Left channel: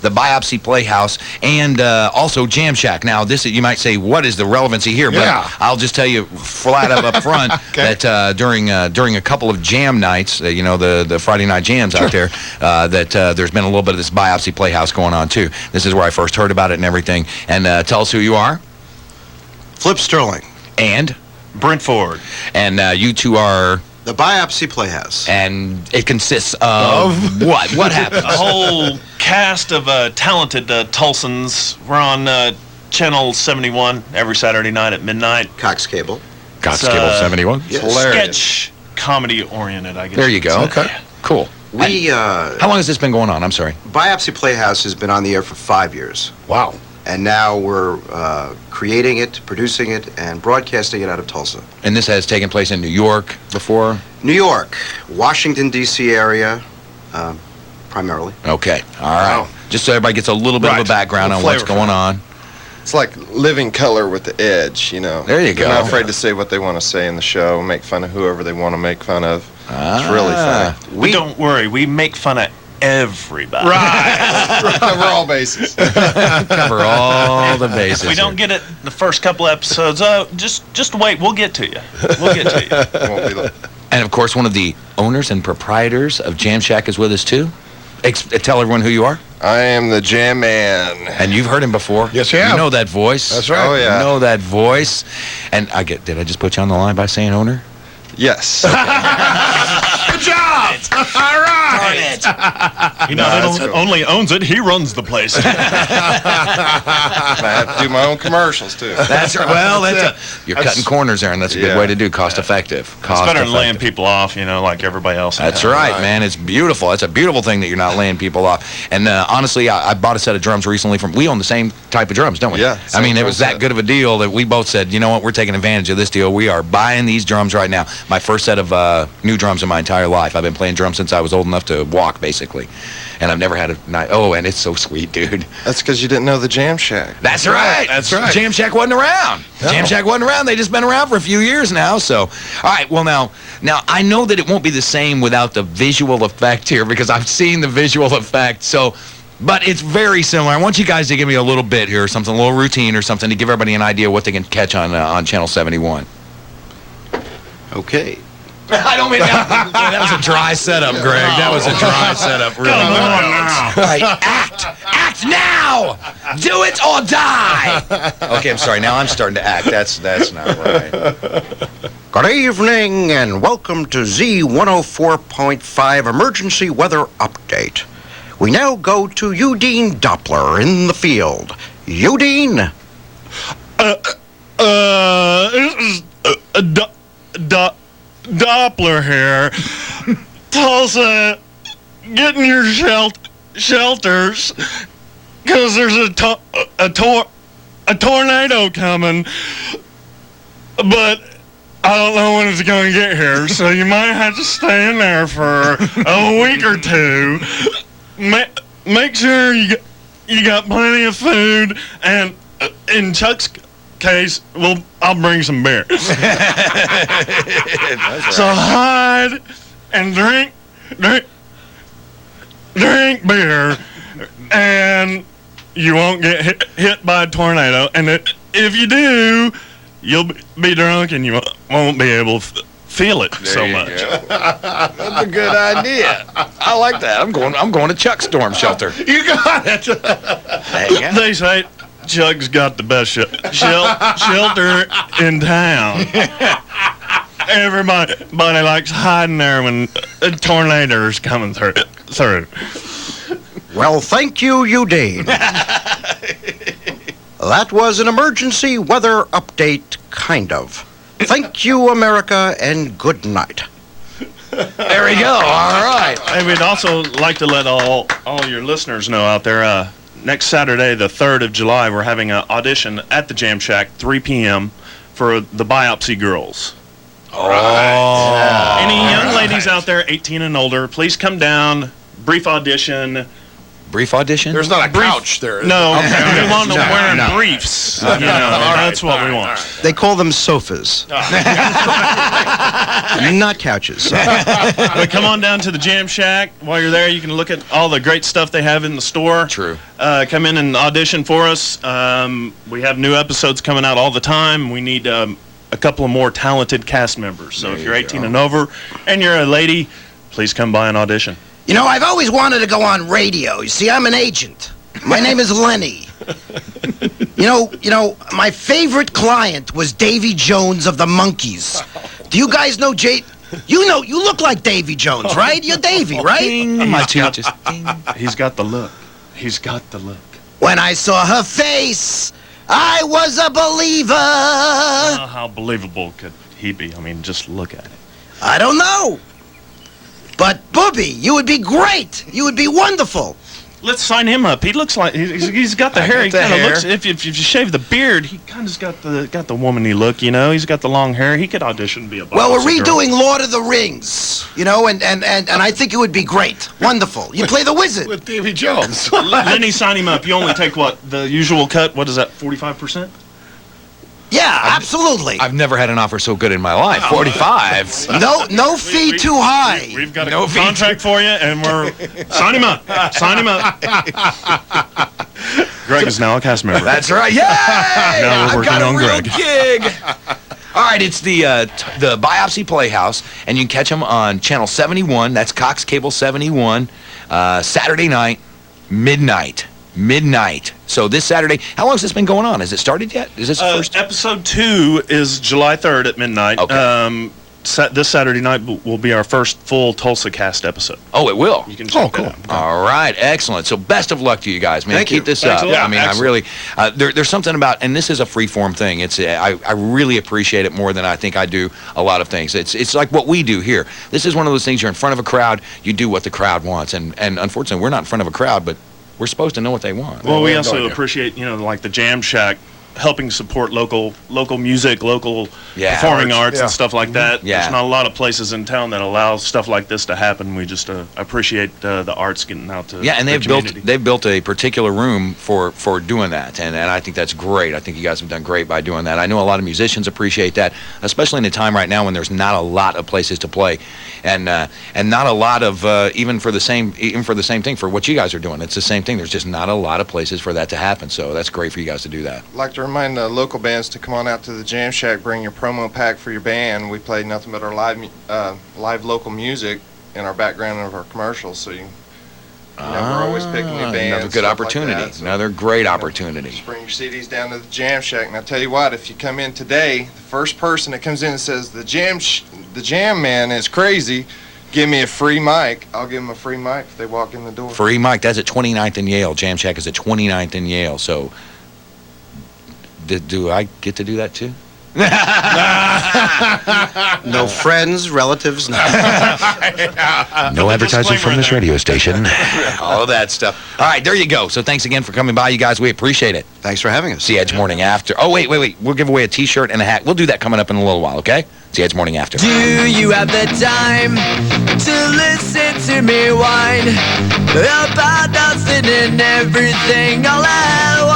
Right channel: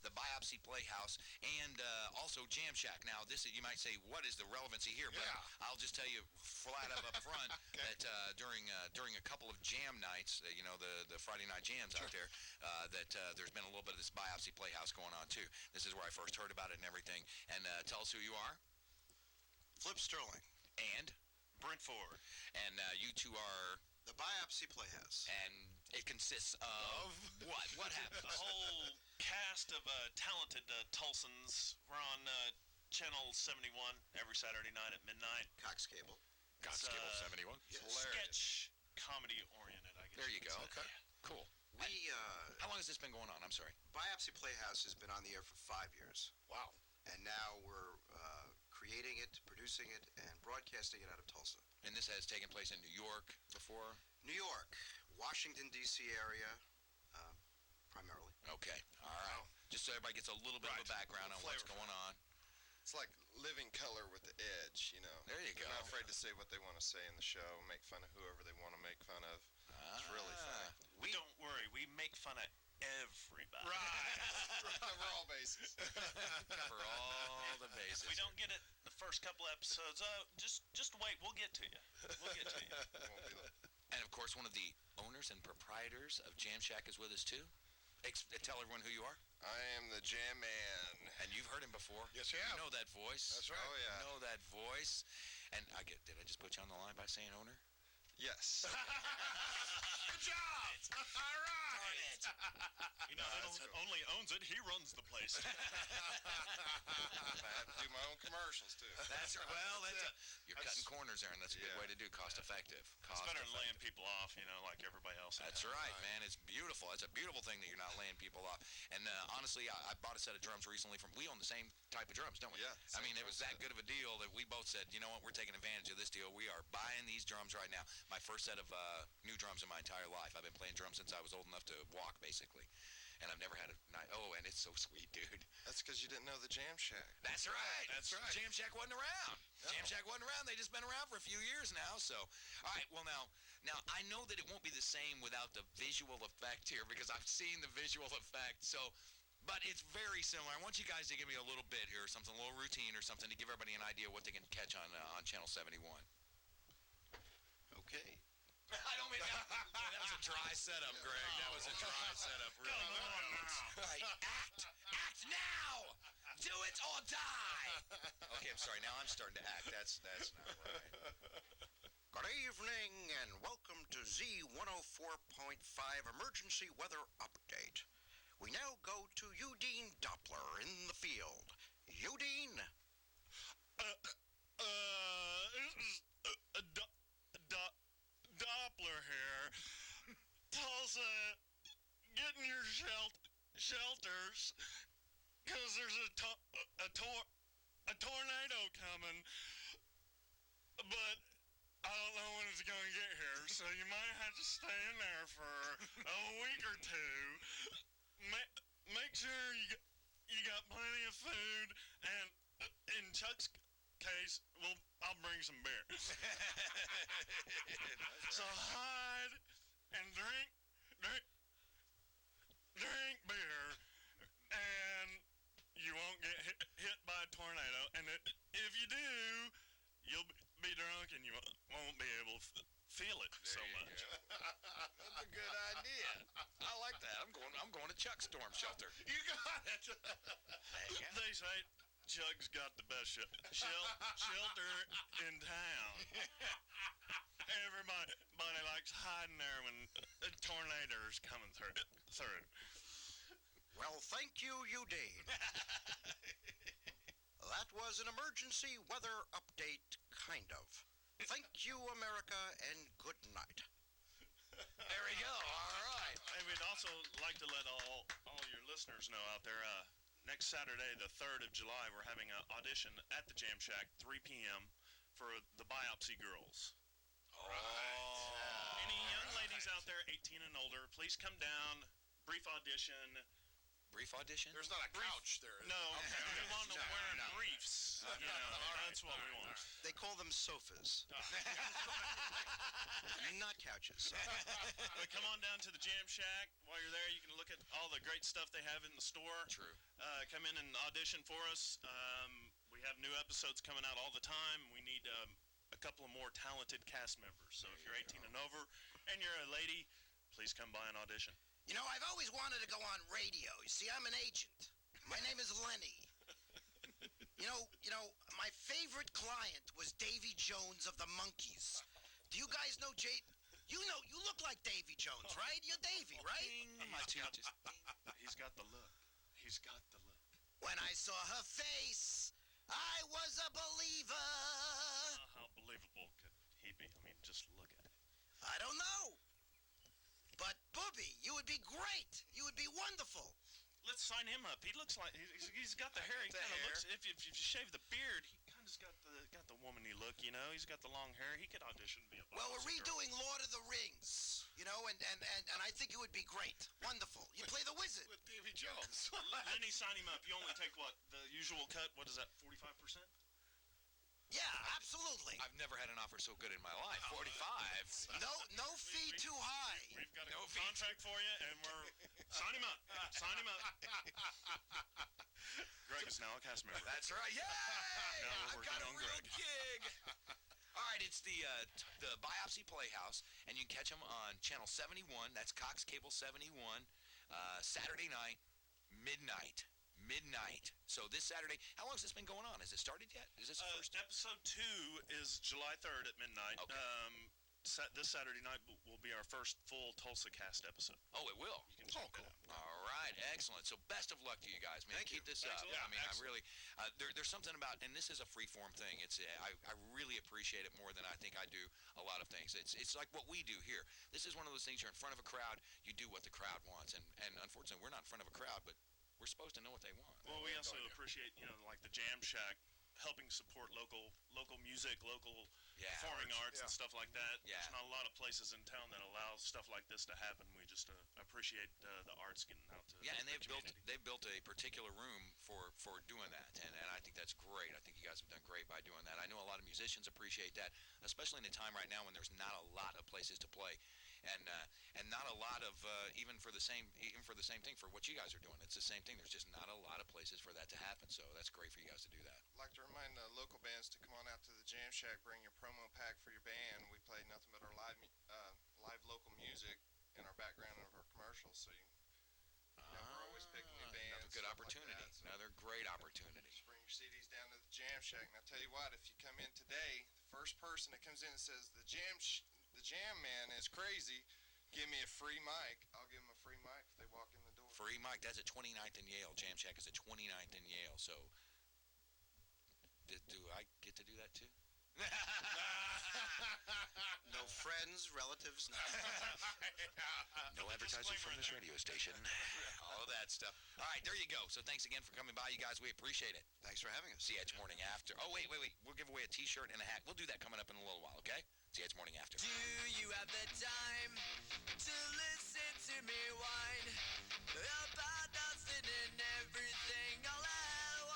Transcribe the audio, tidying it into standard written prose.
the Biopsy Playhouse, and also Jam Shack. Now, this you might say, what is the relevancy here? But I'll just tell you flat up front that during a couple of jam nights, you know, the Friday night jams out there, that there's been a little bit of this Biopsy Playhouse going on too. This is where I first heard about it and everything. And tell us who you are. Flip Sterling. And Brent Ford. And you two are... The Biopsy Playhouse. And it consists of what? What happens? A whole cast of talented Tulsans. We're on Channel 71 every Saturday night at midnight. Cox Cable. Cox Cable 71? Yes. Hilarious. Sketch comedy oriented, I guess. There you go. Okay. Cool. How long has this been going on? I'm sorry. Biopsy Playhouse has been on the air for 5 years. Wow. And now we're creating it, producing it, and broadcasting it out of Tulsa. And this has taken place in New York before? New York, Washington, D.C. area, primarily. Okay, all right. Wow. Just so everybody gets a little bit of a background on what's going on. It's like living color with the edge, you know. There you go. They're not afraid to say what they want to say in the show, make fun of whoever they want to make fun of. It's really funny. But don't worry, we make fun of everybody. Right. Cover all bases. Cover all the bases. If we don't get it the first couple episodes, just wait. We'll get to you. We'll get to you. Won't be long. And, of course, one of the owners and proprietors of Jam Shack is with us, too. Tell everyone who you are. I am the Jam Man. And you've heard him before. Yes, you have. You know that voice. That's right. Oh, yeah. You know that voice. And did I just put you on the line by saying owner? Yes. Good job. All right. He not only owns it, he runs the place. I have to do my own commercials, too. That's right. Well, you're cutting corners there, and that's a good way to do. Cost effective. It's better than laying people off, you know, like everybody else. That's right, man. It's beautiful. It's a beautiful thing that you're not laying people off. And honestly, I bought a set of drums recently we own the same type of drums, don't we? Yeah. I mean, it was that good of a deal that we both said, you know what, we're taking advantage of this deal. We are buying these drums right now. My first set of new drums in my entire life. I've been playing drums since I was old enough to walk, basically. And I've never had a night. Oh, and it's so sweet, dude. That's because you didn't know the Jam Shack. That's right. That's right. Jam Shack wasn't around. No. Jam Shack wasn't around. They just been around for a few years now. So, all right. Well, now I know that it won't be the same without the visual effect here because I've seen the visual effect. So, but it's very similar. I want you guys to give me a little bit here, something, a little routine or something to give everybody an idea what they can catch on Channel 71. Okay. I don't mean that was a dry setup, Greg. That was a dry setup. Really. Come on now. Right. Act now. Do it or die. Okay, I'm sorry. Now I'm starting to act. That's not right. Good evening and welcome to Z-104.5 Emergency Weather Update. We now go to Eugene Doppler in the field. Eugene? This is Doppler here. Tulsa, get in your shelters, because there's a tornado coming, but I don't know when it's going to get here, so you might have to stay in there for a week or two. Make sure you got plenty of food, and in Chuck's case, I'll bring some beer. So hide and drink beer, and you won't get hit by a tornado. And if you do, you'll be drunk and you won't be able to feel it so much. That's a good idea. I like that. I'm going to Chuck's storm shelter. You got it. They say Chuck's got the best shelter in town. Everybody likes hiding there when a tornado is coming through. Well, thank you, Eugene. That was an emergency weather update, kind of. Thank you, America, and good night. There we go. All right. Hey, we'd also like to let all your listeners know out there, next Saturday, the 3rd of July, we're having an audition at the Jam Shack, 3 p.m., for the Biopsy Girls. All right. Any young ladies out there, 18 and older, please come down, brief audition, Brief audition? There's not a couch there. No, we want them wearing no. briefs. That's what we want. They call them sofas. Not couches. But come on down to the Jam Shack. While you're there, you can look at all the great stuff they have in the store. True. Come in and audition for us. We have new episodes coming out all the time. We need a couple of more talented cast members. So if you're 18 and over and you're a lady, please come by and audition. You know, I've always wanted to go on radio. You see, I'm an agent. My name is Lenny. You know, my favorite client was Davy Jones of the Monkees. Do you guys know You look like Davy Jones, right? You're Davy, right? My tooth just ding. He's got the look. He's got the look. When I saw her face, I was a believer. How believable could he be? I mean, just look at it. I don't know. But, Booby, you would be great. You would be wonderful. Let's sign him up. He looks like he's got the hair. He kind of looks. If you shave the beard, he kind of's got the womanly look. You know, he's got the long hair. He could audition to be a. Well, we're redoing Lord of the Rings. You know, and I think it would be great. Wonderful. You play the wizard with Davy Jones. Lenny, sign him up. You only take what, the usual cut? What is that? 45%? Yeah, absolutely. I've never had an offer so good in my life. 45. No fee too high. We've got a contract for you, and we're sign him up. Sign him up. Greg is now a cast member. That's right. Yay! Now we're working on real Greg. gig. All right, it's the Biopsy Playhouse, and you can catch them on Channel 71. That's Cox Cable 71, Saturday night, midnight. So this Saturday, how long has this been going on? Has it started yet? Is this the first? Episode 2 is July 3rd at midnight. Okay. This Saturday night will be our first full Tulsa cast episode. Oh, it will. You can check cool. that out. All right, excellent. So best of luck to you guys, man. Thank you. Keep this Thanks up. a lot. I mean, Excellent. I really, there's something about, and this is a free form thing. It's I really appreciate it more than I think I do a lot of things. It's like what we do here. This is one of those things. You're in front of a crowd. You do what the crowd wants, and unfortunately, we're not in front of a crowd, but we're supposed to know what they want. Well, we also appreciate, like the Jam Shack, helping support local music, local performing arts and stuff like that. Yeah. There's not a lot of places in town that allow stuff like this to happen. We just appreciate the arts getting out to and the they've community. built a particular room for doing that, and I think that's great. I think you guys have done great by doing that. I know a lot of musicians appreciate that, especially in a time right now when there's not a lot of places to play, and not a lot of even for the same thing for what you guys are doing. It's the same thing. There's just not a lot of places for that to happen. So that's great for you guys to do that. I'd like to remind local bands to come on out to the Jam Shack, bring your promo pack for your band. We play nothing but our live local music in our background of our commercials, so we're always picking new bands. Another good opportunity. Like that, so, another great opportunity. Just bring your CDs down to the Jam Shack. And I tell you what, if you come in today, the first person that comes in and says the Jam Man is crazy, give me a free mic. I'll give them a free mic if they walk in the door. Free mic. That's at 29th and Yale. Jam Shack is at 29th and Yale. So do I get to do that too? No friends, relatives, no. No advertising from this radio station. All that stuff. All right, there you go. So thanks again for coming by, you guys. We appreciate it. Thanks for having us. See you Edge Morning After. Oh, wait. We'll give away a T-shirt and a hat. We'll do that coming up in a little while, okay? See you Edge Morning After. Do you have the time to listen to me whine about nothing and everything all at once?